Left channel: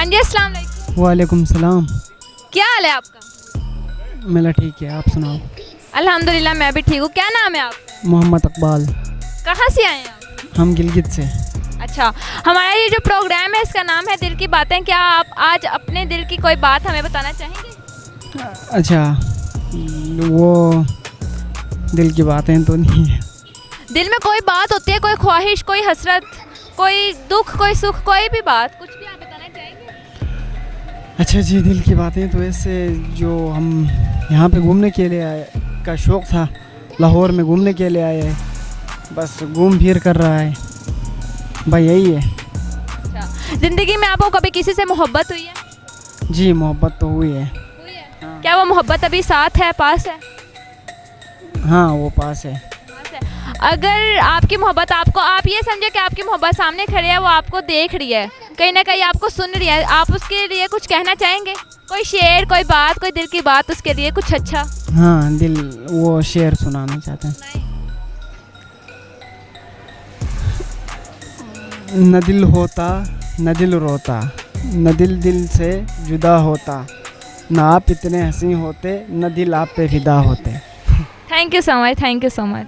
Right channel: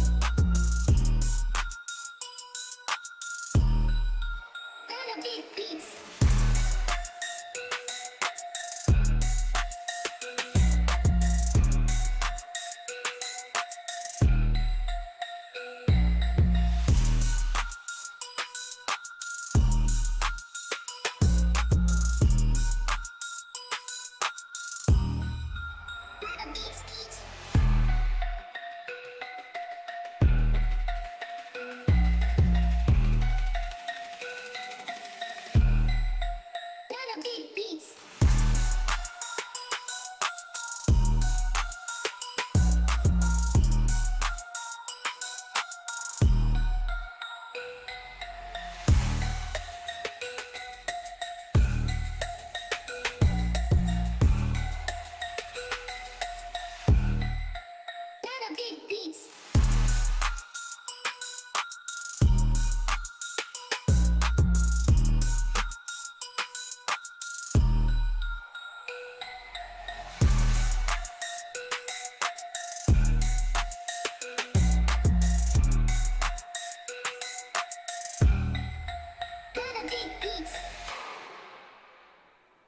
हाँ जी, अस्सलाम वालेकुम। वालेकुम सलाम। क्या हाल है आपका? मेरा ठीक है, आप सुनाओ। अल्हम्दुलिल्लाह मैं भी ठीक हूँ। क्या नाम है आपका? मोहम्मद इकबाल। कहाँ से आए हैं आप? हम गिलगित से। अच्छा, हमारा ये जो प्रोग्राम है इसका नाम है दिल की बातें। क्या आप आज अपने दिल की कोई बात हमें बताना चाहेंगे? अच्छा, वो दिल की बातें तो नहीं है। दिल में कोई बात होती है, कोई ख्वाहिश, कोई हसरत, कोई दुख, कोई सुख, कोई भी बात, कुछ भी आप बताना चाहेंगे? अच्छा जी, दिल की बातें तो ऐसे जो हम यहाँ पे घूमने के लिए आए का शौक़ था, लाहौर में घूमने के लिए आए हैं, बस घूम फिर कर रहा है भाई, यही है। अच्छा, ज़िंदगी में आपको कभी किसी से मोहब्बत हुई है? जी, मोहब्बत तो हुई है। हुई है। क्या वो मोहब्बत अभी साथ है, पास है? हाँ, वो पास है। पास है। अगर आपकी मोहब्बत आपको, आप ये समझे कि आपकी मोहब्बत सामने खड़ी है, वो आपको देख रही है, कहीं ना कहीं आपको सुन रही है, आप उसके लिए कुछ कहना चाहेंगे? कोई शेर, कोई बात, कोई दिल की बात उसके लिए कुछ अच्छा? हाँ, दिल वो शेर सुनाना चाहते हैं। न दिल होता न दिल रोता, न दिल दिल से जुदा होता, न आप इतने हंसी होते, न दिल आप पे फिदा होते। Thank you so much, thank you so much.